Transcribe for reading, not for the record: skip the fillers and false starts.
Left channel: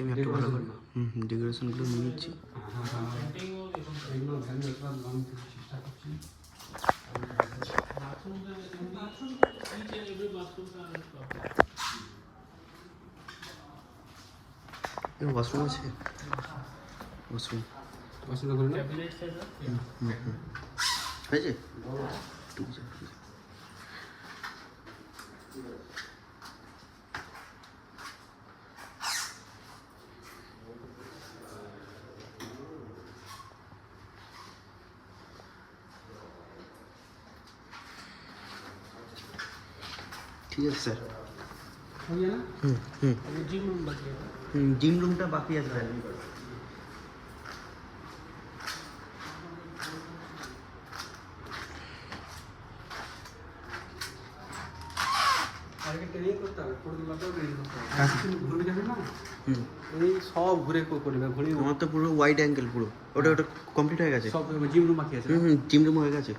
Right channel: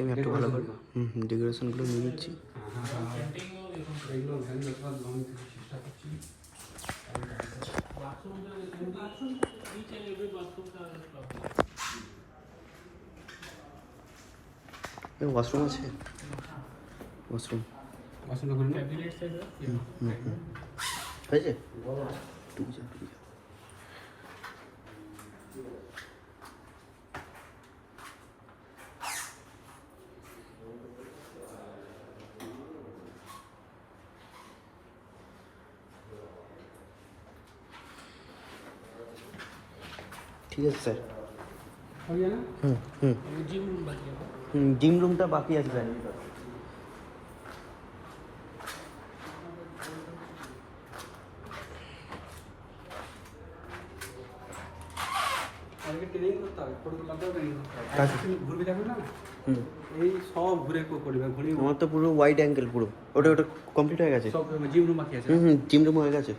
আমি একটু ভালো করে ডেকোরেশনগুলো নিয়ে নিচ্ছি। ওয়াশরুম আছে, ওয়াশরুম হয়েছে। ঠিক আছে স্যার। জিম রুমটা বাকি আসবে। আমার তো পুরো ওয়াইড অ্যাঙ্গেল পুরো ওটা কমপ্লিট হয়ে গেছে। জিম রুম হয়ে গেছে।